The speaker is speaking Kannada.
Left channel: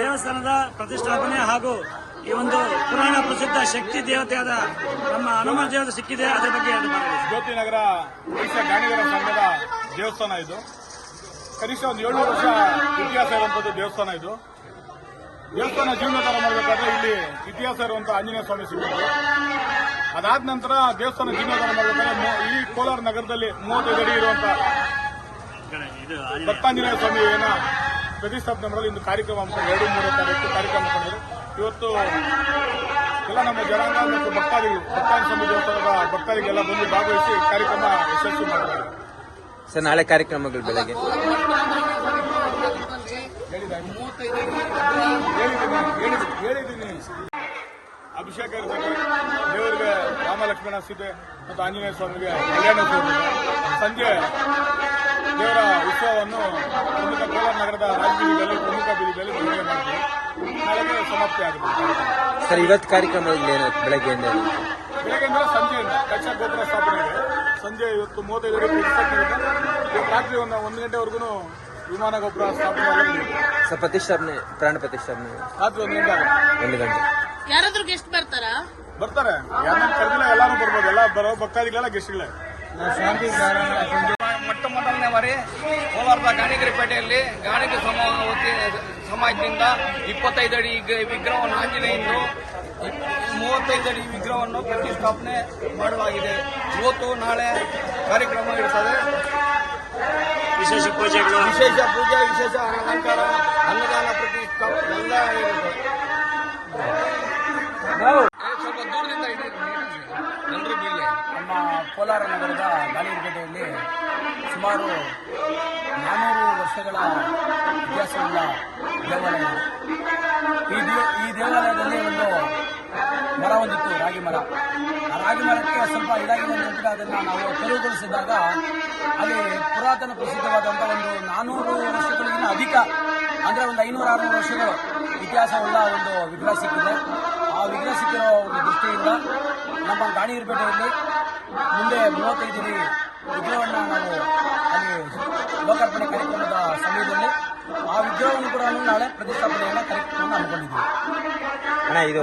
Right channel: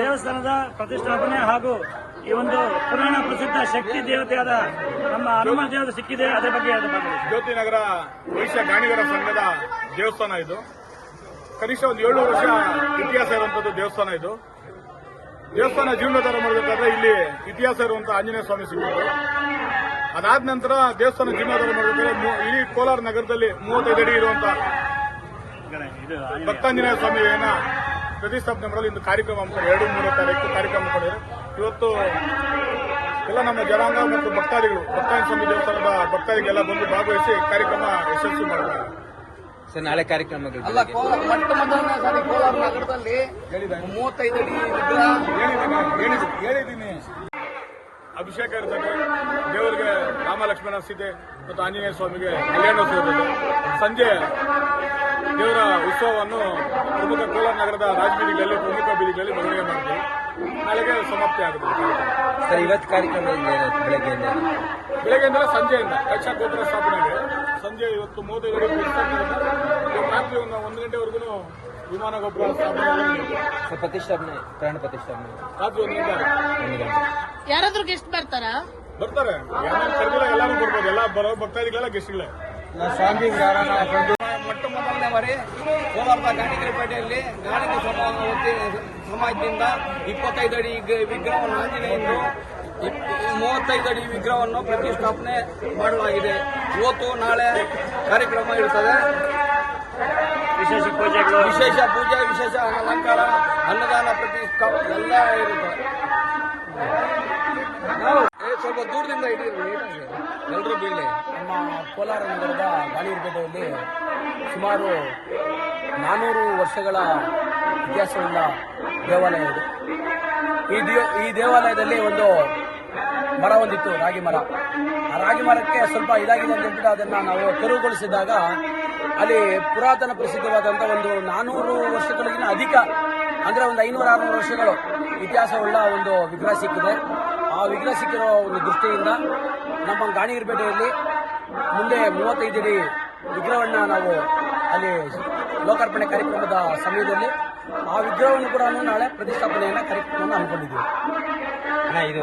ದೇವಸ್ಥಾನದ ಪ್ರತಿಷ್ಠಾಪನೆ ಹಾಗೂ ಈ ಒಂದು ಪುರಾಣ ಪ್ರಸಿದ್ಧ ಶಕ್ತಿ ದೇವತೆಯಾದ ನಮ್ಮ ಹನುಮ ದೇವತೆ ಸಿಕ್ಕಿದೆ. ಅದರ ಬಗ್ಗೆ ಜ್ಯೋತಿ ನಗರ ವೈಶ್ಯ ಗಾಣಿಗರ ಸಂಘದ ದೇವಸ್ಥಾನ ಇದು. ಕನಿಷ್ಠ ಒಂದು 700 ವರ್ಷ ಇತಿಹಾಸ ಇರುವಂತದ್ದು ದೇವಸ್ಥಾನ ಇದು. ದೇವಸ್ಥಾನ ಜೀರ್ಣೋದ್ಧಾರ ಮಾಡಬೇಕಾದ್ರೆ ಇಲ್ಲಿ ಇತಿಹಾಸ ಇರುವಂತಹ ಆಂಜನೇಯ ಸ್ವಾಮಿ ಸಿಗುತ್ತೆ. ಅದಾದ ನಂತರ ದೇವಸ್ಥಾನ ಜೀರ್ಣೋದ್ಧಾರ ಮಾಡಬೇಕಾದ್ರೆ ಈ ಕೋಲಾರ ನಗರದಲ್ಲಿ 35 ಅಡಿ ಇರುವಂತಹ ದತ್ತಾಂಜನೇಯ ಸ್ವಾಮಿಯನ್ನ ಪ್ರತಿಷ್ಠಾಪನೆ ಮಾಡಲು ಇಂದು ಕಾರ್ಯಕ್ರಮ ಹಮ್ಮಿಕೊಂಡು 2-3 ತಾರೀಕು ಕಾರ್ಯಕ್ರಮ ಹಮ್ಮಿಕೊಂಡಿರು. ಇವತ್ತು ಎಲ್ಲ ನಮ್ಮ ಜನಾಂಗ ಮತ್ತು ಭಕ್ತಾದಿಗಳು ದತ್ತಾಂಜನೇಯ ಸ್ವಾಮಿ ದೇವಸ್ಥಾನದ ಭಕ್ತಾದಿಗೆಲ್ಲ ಬಂದು ಭಾಗವಹಿಸಿ ಕಾರ್ಯಕ್ರಮ ಯಶಸ್ವಿ ಮಾಡಿದ್ದಾರೆ. ಸರ್, ನಾಳೆ ಕಾರ್ಯಕ್ರಮಗಳು ಬೆಳಗ್ಗೆ ಹೇಳಿದ್ದೀನಿ. ಅಭಿಷೇಕ ದೇವರಿಗೆ ರಾಮ ಲಕ್ಷ್ಮಣ ಸೀತೆ ಮತ್ತು ಆಂಜನೇಯ ಸ್ವಾಮಿಗೆ ಕಲ್ಯಾಣೋತ್ಸವ. ಸಂಜೆ ದೇವರ ಉತ್ಸವವನ್ನು ಪ್ರಮುಖ ಕೋಲಾರ ನಗರದ ರಾಜಬೀದಿಯಲ್ಲಿ ಪ್ರಮುಖ ಬೀದಿಯಲ್ಲಿ ನಿರ್ಣಯ ಮಾಡಿದ್ದೀವಿ. ನಾಳೆಗೆ ಸಮಾಪ್ತಿ ಆಗುತ್ತೆ. ಸರ್, ಇವತ್ತು ಕಾರ್ಯಕ್ರಮ ಬೆಳಗ್ಗೆಯಿಂದ ಸಂಜೆಯಿಂದ ಕಕ್ಷಾ ಗೋಪುರ ಸ್ಥಾಪನೆಗೆ ಸಂಜೆ ಇವತ್ತು 35 ರಾತ್ರಿ 1 ಗಂಟೆವರೆಗೂ ವಿಮಾನ ಗೋಪುರ ಸ್ಥಾಪನೆ. ಸರ್, ಪ್ರತಿಷ್ಠಾಪನೆ ಪ್ರಾಣ ಪ್ರತಿಷ್ಠಾಪನೆ ರಾತ್ರಿ 1 ಗಂಟೆ. ಯಾರಾದ್ರೂ ಗೆಸ್ಟ್ ಬರ್ತಾರೆ. ಯಾರು ಕರೆದಿಲ್ಲ, ಎಲ್ಲರೂ ಬರ್ಬೋದು. ಎಲ್ಲ ಬರೋ ಭಕ್ತಾದಿಗಳೆಲ್ಲ ಗೆಸ್ಟ್ಗಳೇ. ಮೊಟ್ಟ ಮೊದಲನೇ ಬಾರಿ ಕೋಲಾರದ ಗಾಣಿಗರಪೇಟೆಯಲ್ಲಿ ಗಾಣಿಗ ಸಮಾಜದಿಂದ 25 ಅಡಿ ವಿಗ್ರಹವನ್ನು ಆಂಜನೇಯಂದು 35 ಅಡಿ ವಿಗ್ರಹವನ್ನು ಪ್ರತಿಷ್ಠಾಪನೆ ಮಾಡಲಾಗಿದೆ. ಇವತ್ತು ನಾಳೆ ಕಾರ್ಯಕ್ರಮ ಇರ್ತದೆ. ವಿಶೇಷ ಪೂಜೆಗಳು ವಿಶೇಷ ಪೂಜೆ, ವಿಶೇಷ ಅಲಂಕಾರ, ಅನ್ನದಾನ ಪ್ರತಿಷ್ಠಾಪನೆ ಎಲ್ಲ ಇರುತ್ತೆ. ಸ್ವಲ್ಪ ದೂರದಿಂದ ಎಲ್ಲರೂ ಬೀಳಿ. ನಮ್ಮ ಕೋಲಾರ ನಗರದ ಗಾಳಿಯರಪೇಟೆಯಲ್ಲಿ ಸುಮಾರು 400 ವರ್ಷಗಳ ಇತಿಹಾಸವುಳ್ಳ ದೇವಾಲಯ ಇದೆ. ಈ ದೇವಾಲಯದಲ್ಲಿ ಒಂದು ಮರ ಒಂದಿತ್ತು, ರಾಗಿ ಮರ. ಆ ರಾಗಿ ಮರಕ್ಕೆ ಸ್ವಲ್ಪ ಇದಾಗಿದೆ ಅಂತ ಹೇಳ್ಬಿಟ್ಟು ಅದನ್ನು ನಾವು ತೆರವುಗೊಳಿಸಿದಾಗ ಅಲ್ಲಿ ಪುರಾತನ ಪ್ರಸಿದ್ಧವಾದಂಥ ಒಂದು 400 ವರ್ಷಗಳಿಗಿಂತ ಅಧಿಕ, ಅಂದರೆ ಒಂದು 500-600 ವರ್ಷಗಳು ಇತಿಹಾಸವುಳ್ಳ ಒಂದು ವಿಗ್ರಹ ಸಿಕ್ಕಿದೆ. ಆ ವಿಗ್ರಹ ಸಿಕ್ಕಿರೋ ಒಂದು ದೃಷ್ಟಿಯಿಂದ ನಮ್ಮ ಗಾಣಿಗರಪೇಟೆಯಲ್ಲಿ ಮುಂದೆ 35 ಅಡಿ ವಿಗ್ರಹವನ್ನು ನಾವು ಅಲ್ಲಿ ಲೋಕಾರ್ಪಣೆ ಕಾರ್ಯಕ್ರಮದ ಸಮಯದಲ್ಲಿ ಆ ವಿಗ್ರಹವನ್ನು ಕೂಡ ನಾಳೆ ಪ್ರತಿಷ್ಠಾಪನೆಯನ್ನು ಕಾರ್ಯಕ್ರಮವನ್ನು ಹಮ್ಮಿಕೊಂಡಿದ್ದೀವಿ. ಅಣ್ಣ ಇದು